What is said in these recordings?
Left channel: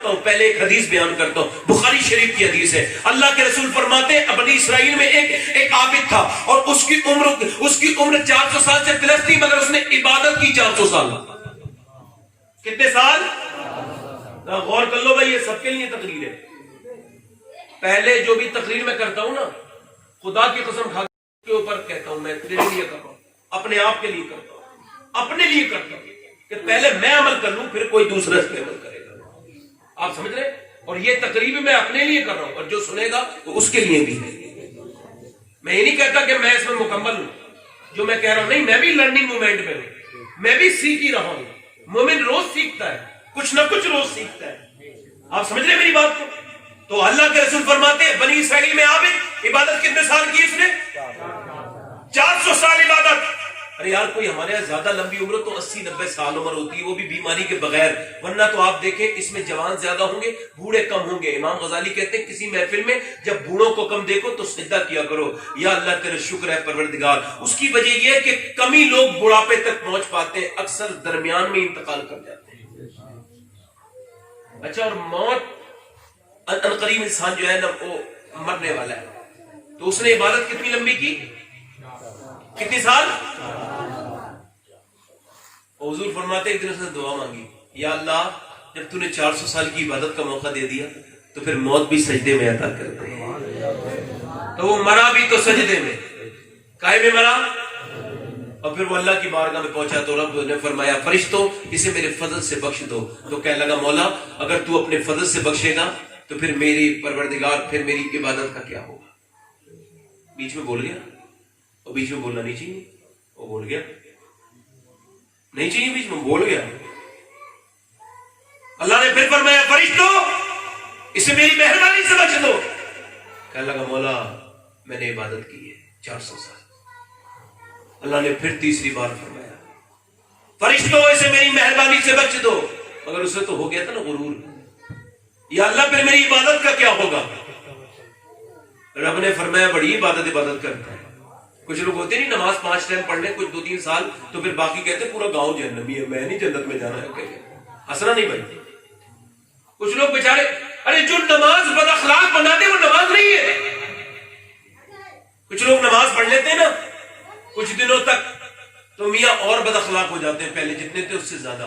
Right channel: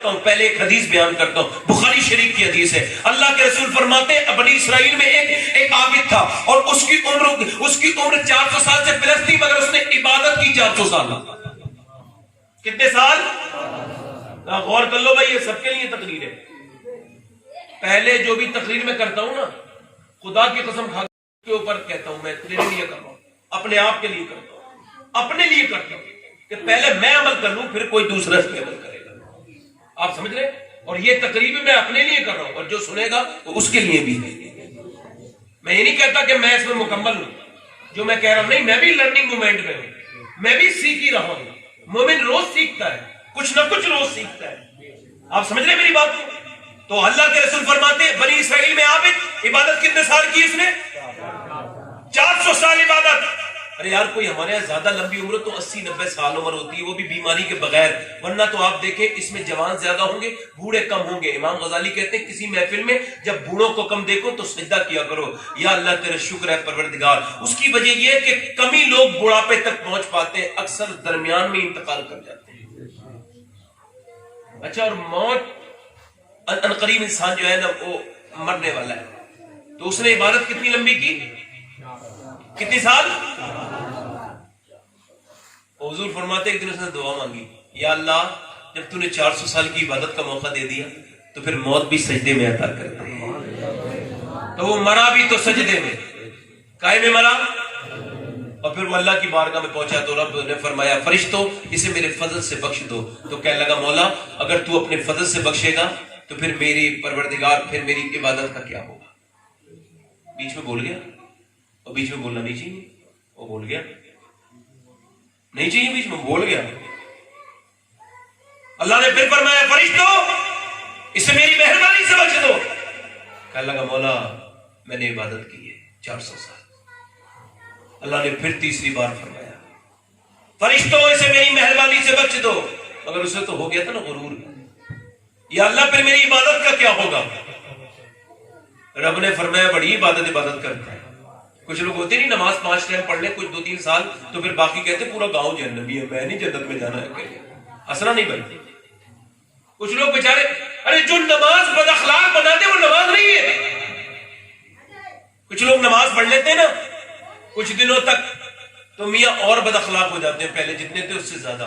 پہلے ایک حدیث بیان کرتا ہوں، بخاری شریف کی حدیث ہے۔ اللہ کے رسول فرماتے ہیں بنی اسرائیل میں ایک عابد تھا اور اس کی عمر 400 سال سے پلس تھی، مگر اس نے عبادت کی 400 سال۔ کتنے سال؟ غور کر لو بھائی، یہ سب کے لیے تقریر ہے۔ پہلے جو بھی تقریر میں کرتا ہوں نا، خدا کی قسم کھا کے اوپر کہتا ہوں، میں تیرے لیے کر رہا ہوں، اپنے آپ کے لیے کرتا ہوں، اپنے لیے کرتا ہوں کہ پہلے میں عمل کر لوں پھر کوئی دوسرا اس پہ عمل کرے گا۔ آپ سمجھ رہے؟ اور یہ تقریب میں اپنے لیے کر رہا ہوں، اور جو سنے گا وہ اس کے لیے بھی ہے۔ میں یہ نہیں کہتا کہ میں اس میں مکمل ہوں، جو میں کہہ رہا ہوں نہیں، میں بھی لرننگ مومنٹ میں ہوں، میں بھی سیکھ ہی رہا ہوں۔ مومن روز سیکھتا ہے، کچھ نہ کچھ روز سیکھتا ہے۔ آپ سمجھ رہے میری بات کو؟ تو اللہ کے رسول فرماتے ہیں بنی اسرائیل میں عابد، عبادت کتنے سال کی اس نے؟ 400 سال عبادت۔ ارے یار کوئی ہمارے یہاں زیادہ لمبی عمر تو 80-90 سال عمر ہوتی ہے، وہ بھی بیماری کے بغیر، ورنہ تو آپ دیکھیں اس میں جوان زیادہ ہوں گے، بوڑھے کم ہوں گے۔ امام غزالی کہتے ہیں کسی محفل میں جب بوڑھوں کو کم دیکھو تو سجدہ کیا کرو، یا اللہ تیرا شکر ہے پروردگار۔ اس کی وجہ یہ ہے کہ کم ہی لوگ بڑھاپے تک پہنچ پاتے ہیں، اکثر درمیان میں انتقال کر جاتے ہیں۔ اچھا، اور موت عنقریب انسان جو ہے نا وہ مرنے والا ہے، تو اس نے عبادت کتنی لمبی کی؟ کتنی سال؟ حضور فرماتے ایک دن اس نے دعا مانگی، یا اللہ جب تو نے 400 سال کی عبادت کا موقع دے دیا تو پھر موت بھی سجدے میں عطا کر دے۔ تو وہ مرا بھی تو سجدے میں، کائے میں مرا، اور پھر وہ اللہ کی بارگاہ میں پہنچا تو رب نے فرمایا فرشتوں اسے میرے فضل سے بخش دو۔ تو کہنے لگا مولا اگر تو اپنے فضل سے بخشے گا تو پھر میری پروردگار پھر میری عبادت کا کیا ہوگا؟ بیچ میں بول گیا، اور بیچ میں بولنا نہیں چاہیے، وہ بول گیا نہیں چاہیے، بیچ میں بول گیا۔ اللہ نے پھر فرمایا فرشتوں اسے میری مہربانی سے بخش دو۔ کہنے لگا مولا میں نے عبادت کی ہے 400 سال۔ اللہ نے پھر تیسری بار فرمایا فرشتوں اسے میری مہربانی سے بخش دو، مگر اسے تو ہو گیا تھا نا غرور، یا اللہ پھر میری عبادت کا کیا ہوگا؟ رب نے فرمایا بڑی عبادت کرتا ہے۔ کچھ لوگ ہوتے نہیں نماز 5 ٹائم پڑھ لیں کچھ 2-3 سال تو پھر باقی کہتے پورا گاؤں جہنمی ہے، میں نہیں جنت میں جانا ہے کہے، ہنسنا نہیں بھائی۔ کچھ لوگ بیچارے، ارے جو نماز بد اخلاق بنا دے وہ نماز نہیں ہے۔ کچھ لوگ نماز پڑھ لیتے ہیں نا کچھ دنوں تک تو میاں اور بد اخلاق ہو جاتے ہیں، پہلے جتنے تھے اس سے زیادہ۔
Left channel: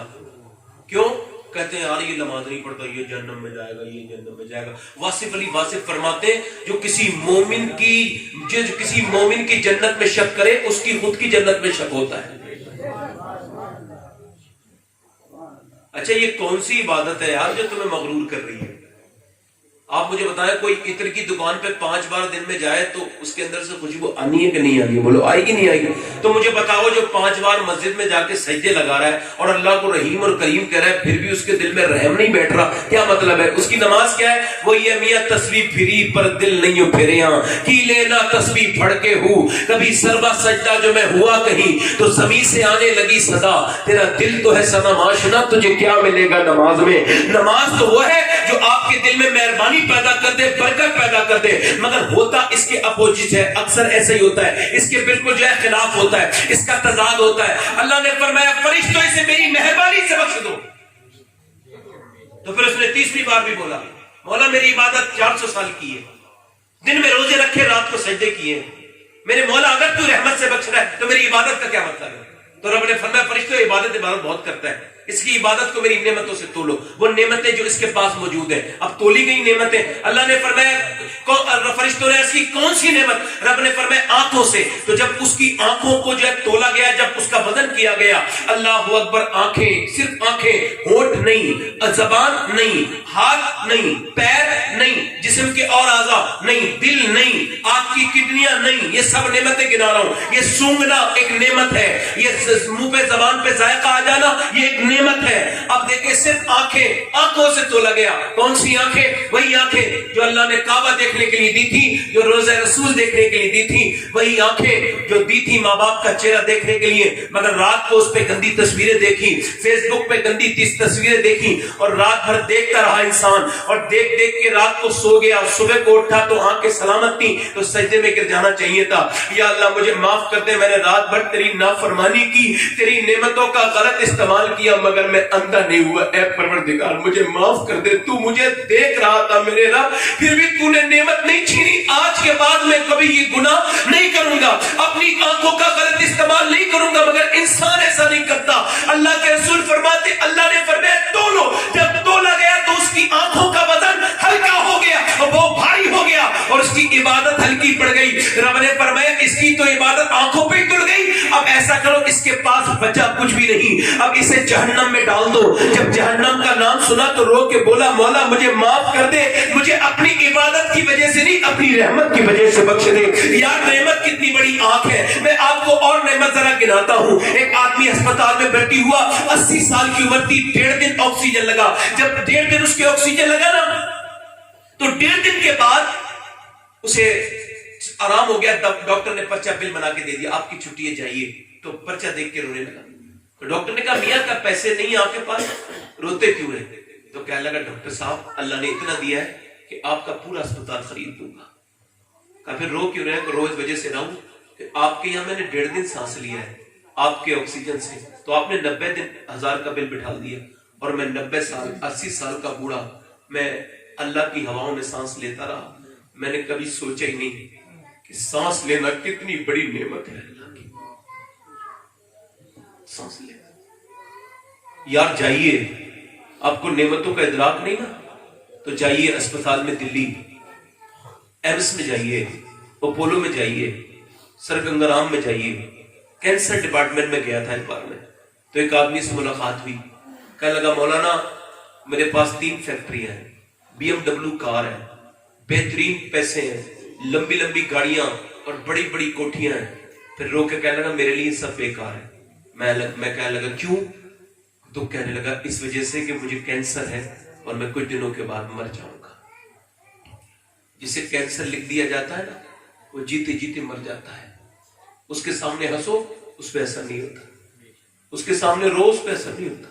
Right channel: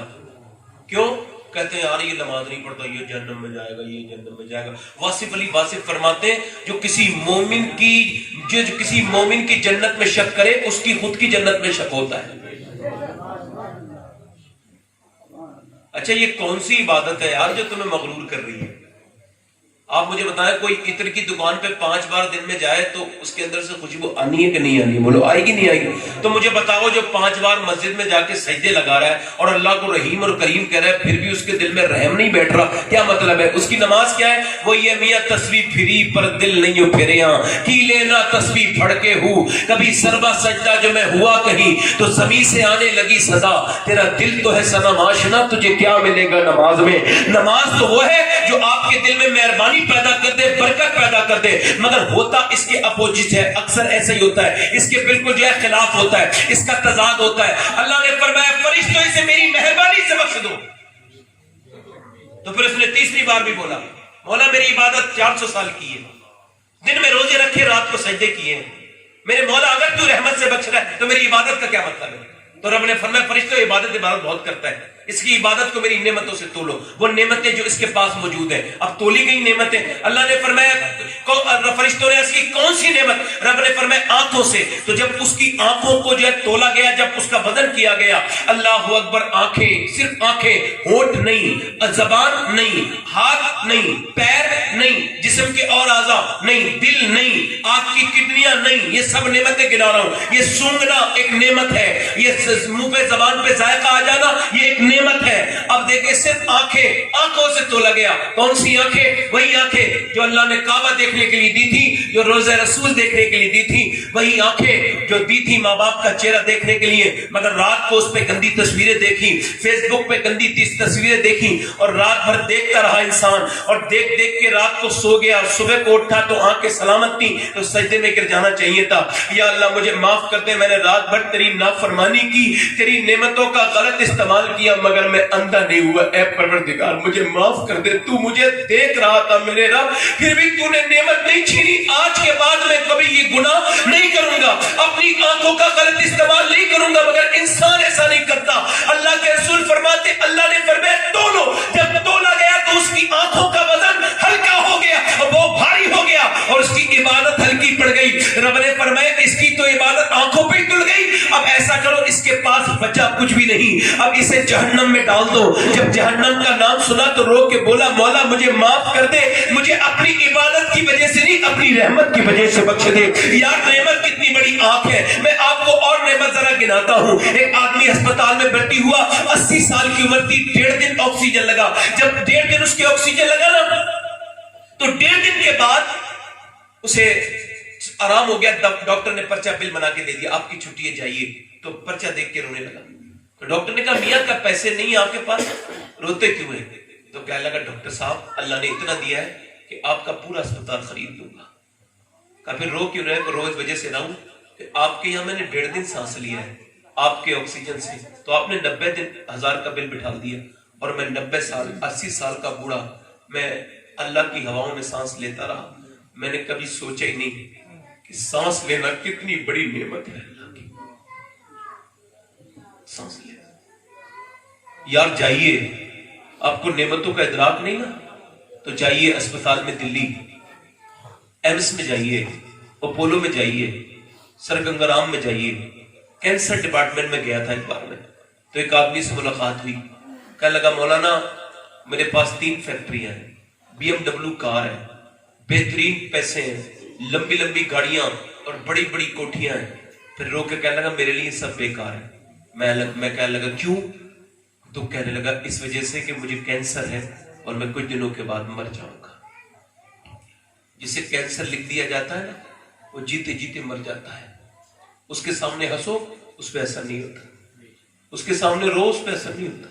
کیوں؟ کہتے ہیں یار یہ نماز نہیں پڑھتا یہ جہنم میں جائے گا، یہ جہنم میں جائے گا۔ واصف علی واصف فرماتے ہیں جو کسی مومن کی جنت میں شک کرے اس کی خود کی جنت میں شک ہوتا ہے۔ اچھا یہ کون سی عبادت ہے یار جو تمہیں مغرور کر رہی ہے؟ آپ مجھے بتائیں کوئی عطر کی دکان پہ 5 بار دن میں جائے تو اس کے اندر سے خوشبو آنی ہے کہ نہیں آنی ہے؟ بولو آئے گی نہیں آئے گی؟ تو مجھے بتاؤ جو 5 بار مسجد میں جا کے سجدے لگا رہا ہے اور اللہ کو رحیم اور کریم کہہ رہا ہے پھر بھی اس کے دل میں رحم نہیں بیٹھ رہا، کیا مطلب ہے؟ اس کی نماز کیا ہے؟ وہ یہ میاں تسبیح پھری پر دل نہیں پھرے ہاں کی لینا تسبیح پھڑ کے ہوں کبھی سربا سجدہ جو میں ہوا کہیں تو زمین سے آنے لگی صدا تیرا دل تو ہے سنا معاشنا تجھے کیا ملے گا نماز میں؟ نماز تو وہ ہے جو آپ کے دل میں مہربانی پیدا کر دے، برکت پیدا کر دے، مگر ہوتا اس کے اپوزٹ ہے، اکثر ایسا ہی ہوتا ہے، اس کے بالکل جو ہے خلاف ہوتا ہے، اس کا تضاد ہوتا ہے۔ اللہ نے فرمایا فرشتوں اسے میری مہربانی سے بخش دو۔ تو پھر اس نے تیسری بار بھی بولا مولا میری عبادت 400 سال کی ہے، دن میں روزے رکھے رات کو سجدے کیے، میرے مولا اگر تو رحمت سے بخش رہا ہے تو میری عبادت کا کیا مطلب ہے؟ تو رب نے فرمایا فرشتوں عبادت بہت کرتا ہے، اس کی عبادت کو میری نعمتوں سے تولو، وہ نعمتیں جو اس کے پاس موجود ہیں۔ اب تولی گئی نعمتیں، اللہ نے فرمایا فرشتوں نے اس کی کون سی نعمت؟ رب نے فرمایا آنکھوں سے۔ تو جب اس کی آنکھوں کو جو ہے تولا گیا، جب اس کا وزن کیا گیا، اللہ اکبر، آنکھیں، صرف آنکھیں، ہونٹ نہیں، زبان نہیں، ہاتھ نہیں، پیر نہیں، جسم کے اور اعضاء نہیں، دل نہیں، آنکھ کی کڈنیاں نہیں، یہ سب نعمتیں گنا رہا ہوں۔ یہ سونگنا ایک نعمت ہے، یہ منہ پہ زبان پہ ذائقہ آ جانا یہ ایک نعمت ہے۔ اب دیکھیں صرف آنکھوں سے تولا گیا، کون سی آنکھیں؟ وہی آنکھیں جو اللہ نے کعبہ دیکھنے کے لیے دی تھی، جو روزہ رسول دیکھنے کے لیے دی تھی، وہی آنکھیں جو دی تھی ماں باپ کا چہرہ دیکھنے کے لیے، مگر رات کو اس پہ گندی تصویریں دیکھی، فیس بک پہ گندی تصویریں دیکھی اور رات بھر دیکھتا رہا انسان، اور دیکھ کے رات کو سو گیا، صبح کو اٹھا تو آنکھیں سلامت تھی تو سجدے میں گر جانا چاہیے تھا۔ یا اللہ مجھے معاف کر دے، میں نے رات بھر تیری نافرمانی کی، تیری نعمتوں کا غلط استعمال کیا، مگر میں اندھا نہیں ہوا. اے پروردگار مجھے معاف کر دے, تو مجھے دیکھ رہا تھا میرے رب, پھر بھی تو نے نعمت نہیں چھینی. آج کے بعد میں کبھی یہ گناہ نہیں کروں گا, اپنی آنکھوں کا غلط استعمال نہیں کروں گا. مگر انسان ایسا نہیں کرتا. اللہ کے رسول فرماتے, اللہ نے فرمایا تولو, جب تولا گیا تو اس کی آنکھوں کا وزن ہلکا ہو گیا, وہ بھاری ہو گیا اور اس کی عبادت ہلکی پڑ گئی. رب نے فرمایا اس کی تو عبادت آنکھوں پہ تل گئی, اب ایسا کرو اس کے پاس بچا کچھ بھی نہیں, اب اسے جہنم میں ڈال دو. جب جہنم کا نام سنا تو رو کے بولا, مولا مجھے معاف کر دے, مجھے اپنی عبادت کی وجہ سے نہیں اپنی رحمت کی وجہ سے بخش دے. یار نعمت کتنی بڑی آنکھ ہے. میں آپ کو اور نعمت ذرا گناتا ہوں. ایک آدمی ہسپتال میں بھرتی ہوا, 80 سال کی عمر کی, 1.5 دن آکسیجن لگا. جب 1.5 دن اس کے آکسیجن لگا نا تو 1.5 دن کے بعد اسے آرام ہو گیا. ڈاکٹر نے پرچہ بل بنا کے دے دیا, آپ کی چھٹی ہے جائیے. تو پرچہ دیکھ کے رونے لگا. تو ڈاکٹر نے کہا میاں کا پیسے نہیں آپ کے پاس, روتے کیوں ہیں؟ تو کہنے لگا ڈاکٹر صاحب اللہ نے اتنا دیا ہے کہ آپ کا پورا اسپتال خرید دوں گا. کہا پھر رو کیوں رہے؟ رو اس وجہ سے رہا ہوں کہ آپ کے یہاں میں نے 1.5 دن سانس لیا ہے آپ کے آکسیجن سے, تو آپ نے 90,000 کا بل بٹھا دیا, اور میں 90 سال 80 سال کا بوڑھا میں اللہ کی ہواؤں میں سانس لیتا رہا. میں نے کبھی سوچا ہی نہیں کہ سانس لینا کتنی بڑی نعمت ہے اللہ کی. سانس لینا یار, جائیے, آپ کو نعمتوں کا ادراک نہیں نا, تو جائیے اسپتال میں, دلی ایمس میں جائیے, اپولو میں جائیے, سر گنگا رام میں جائیے. کینسر ڈپارٹمنٹ میں گیا تھا ایک بار میں, تو ایک آدمی سے ملاقات ہوئی. کہنے لگا مولانا میرے پاس 3 فیکٹریاں ہیں, BMW کار ہے, بہترین پیسے ہیں, لمبی لمبی گاڑیاں اور بڑی بڑی کوٹھیاں ہیں. پھر رو کے کہنے لگا میرے لیے سب بیکار ہے. میں کہنے لگا کیوں؟ تو کہنے لگا اس وجہ سے کہ مجھے کینسر ہے اور میں کچھ دنوں کے بعد مر جاؤں گا. جسے کینسر لکھ دیا جاتا ہے نا, وہ جیتے جیتے مر جاتا ہے. اس کے سامنے ہنسو, اس پہ ایسا نہیں ہوتا. اس کے سامنے رو, اس پہ ایسا نہیں ہوتا.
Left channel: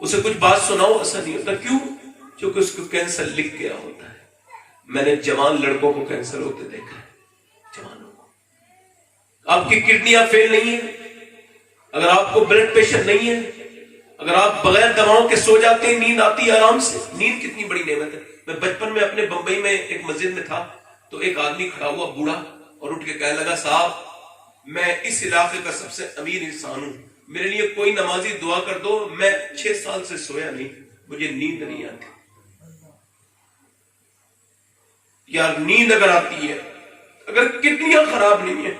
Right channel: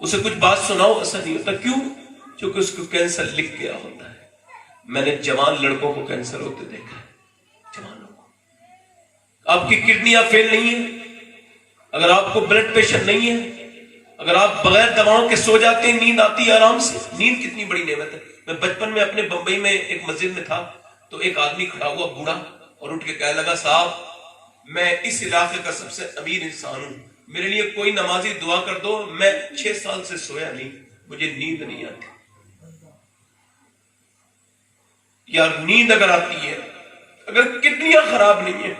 اسے کچھ بات سناؤ, ایسا نہیں ہوتا. کیوں؟ کیونکہ اس کو کینسر لکھ گیا ہوتا ہے. میں نے جوان لڑکوں کو کینسر ہوتے دیکھا ہے, جوانوں کو. آپ کی کڈنیاں فیل نہیں ہیں, اگر آپ کو بلڈ پریشر نہیں ہے, اگر آپ بغیر دواؤں کے سو جاتے ہیں, نیند آتی ہے آرام سے. نیند کتنی بڑی نعمت ہے. میں بچپن میں اپنے بمبئی میں ایک مسجد میں تھا, تو ایک آدمی کھڑا ہوا بوڑھا, اور اٹھ کے کہنے لگا صاحب میں اس علاقے کا سب سے امیر انسان ہوں, میرے لیے کوئی نمازی دعا کر دو, میں 6 سال سے سویا نہیں, مجھے نیند نہیں آتی. یار نیند اگر آتی ہے, اگر کڈنیاں خراب نہیں ہیں,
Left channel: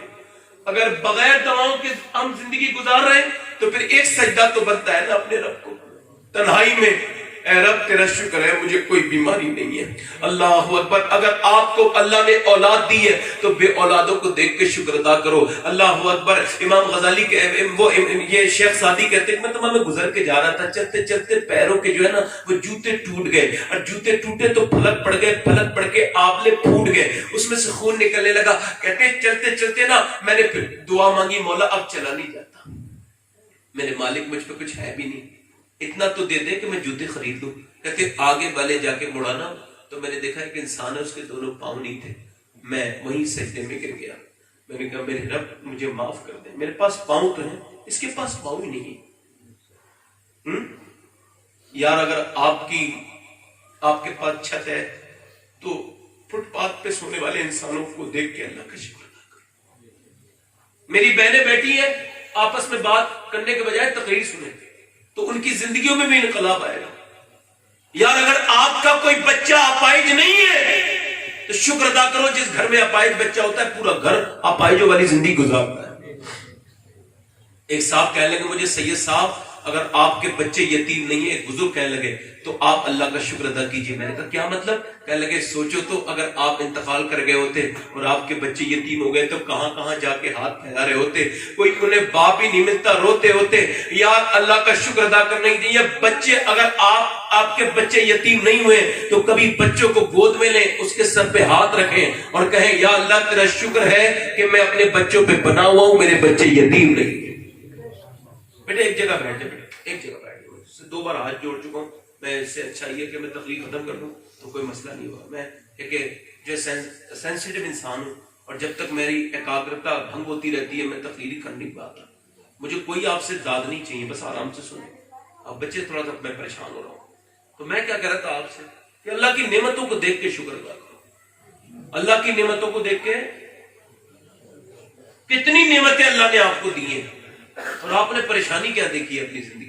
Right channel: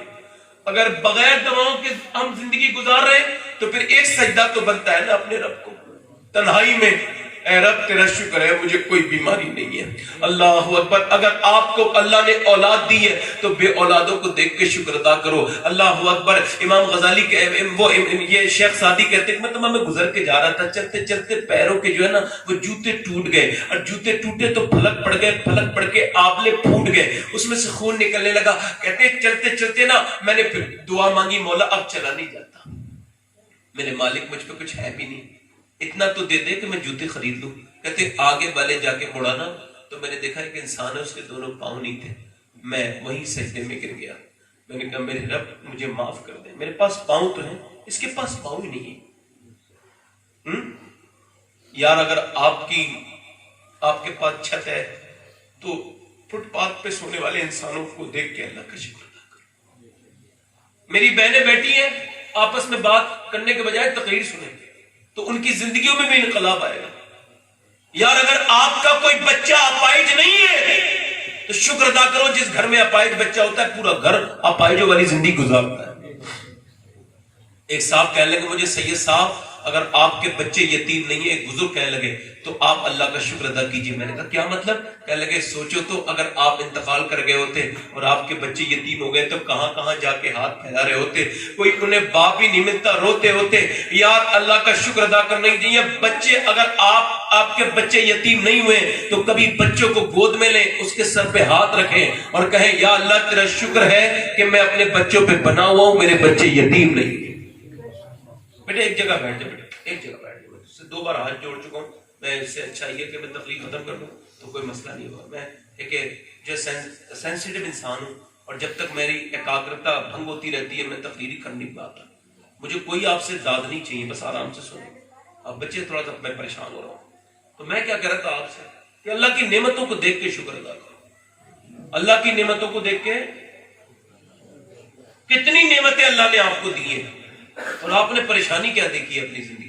اگر بغیر دواؤں کے ہم زندگی گزار رہے ہیں, تو پھر ایک سجدہ تو بنتا ہے نا اپنے رب کو تنہائی میں, اے رب تیرا شکر ہے مجھے کوئی بیماری نہیں ہے. اللہ اکبر. اگر آپ کو اللہ نے اولاد دی ہے تو بے اولادوں کو دیکھ کے شکر ادا کرو. اللہ اکبر. امام غزالی کے یہ شیخ سعدی کہتے ہیں میں گزر کے جا رہا تھا, چلتے چلتے پیروں کے جو ہے نا وہ جوتے ٹوٹ گئے, اور جوتے ٹوٹے تو پھلک پڑ گئے, پھلک پڑ کے آبلے پھوٹ گئے, اس میں سے خون نکلنے لگا. کہتے ہیں چلتے چلتے نا میں نے پھر دعا مانگی, مولا اب چلا نہیں جاتا, میرے مالک مجھ پہ کچھ ہے بھی نہیں, اتنا تو دے دے کہ میں جوتے خرید لوں. کہتے آگے والے جا کے مڑا نا تو میں نے دیکھا ایک انسان ہے, اس کے دونوں پاؤں نہیں تھے. میں وہیں سجدے میں گر گیا. میں نے کہا میرے رب مجھے معاف کر دے, میرے پاس پاؤں تو ہیں, اس کے پاس پاؤں ہی نہیں. یار اگر آپ کے پاس چھت ہے تو فٹ پاتھ پہ سونے والے انسانوں کو دیکھ کے اللہ کا شکر ادا کرو. میری بہنیں بیٹھی ہیں, آپس میں بات کرنے کے بجائے تقریر سنیں تو ان کی زندگیوں میں بھی انقلاب آئے گا. یار اگر آپ کا کوئی بچہ اپائج نہیں ہے تو شکر ادا کرو. جس گھر میں اپائج بچہ ہوتا ہے پورا گھر اپائجوں والی زندگی گزارتا ہے. ایک صاحب کہنے لگے مجھے سید صاحب اگر آپ کے بچے یتیم نہیں ہے, ایک بزرگ کہنے لگے تو آپ اللہ کا شکر ادا کیجئے. میں نے کہا کیا مطلب؟ کہنے لگے سوچو تو اگر آپ انتقال کر گئے ہوتے اور آپ کے بچے یتیم ہو گئے تو کہاں کہاں جا کے ہاتھ پھیلا رہے ہوتے, کوئی انہیں باپ ہی نہیں ملتا, روتے ہوتے. یار اللہ کا شکر ادا کرنا چاہیے. بچے اگر آپ کے بچے یتیم نہیں ہوئے تو کبھی بچوں کو گود میں لیں, اس کے سر پہ ہاتھ رکھیں اور کہیں یا اللہ تیرا شکر ہے کہ میں اپنے بچوں پہ بنا ہوا ہوں, میرے بچے یتیم نہیں. بیٹے ایک جگہ بیٹھ جائے, ایک جگہ بیٹھ جائے. اس سے 2 بار ہاتھ جوڑ چکا ہوں. میں اس سے اچھا یہ کہ میں تقریر ختم کر دوں تو کوئی مسئلہ نہیں ہوگا. میں ایک جو سینسیٹیو انسان ہوں, اور جب تک میری ایکاگرتا بھنگ ہوتی رہتی ہے میں تقریر ہی کرنے کی بات ہے. مجھے کوئی آپ سے داد نہیں چاہیے, بس آرام سے سنیں. اب بچے تھوڑا سا میں پریشان ہو رہا ہوں. تو میں کیا کہہ رہا تھا آپ سے کہ اللہ کی نعمتوں کو دیکھ کے شکر ادا کرو. اللہ کی نعمتوں کو دیکھ کے, کتنی نعمتیں اللہ نے آپ کو دی ہیں اور آپ نے پریشانی کیا دیکھی ہے اپنی زندگی.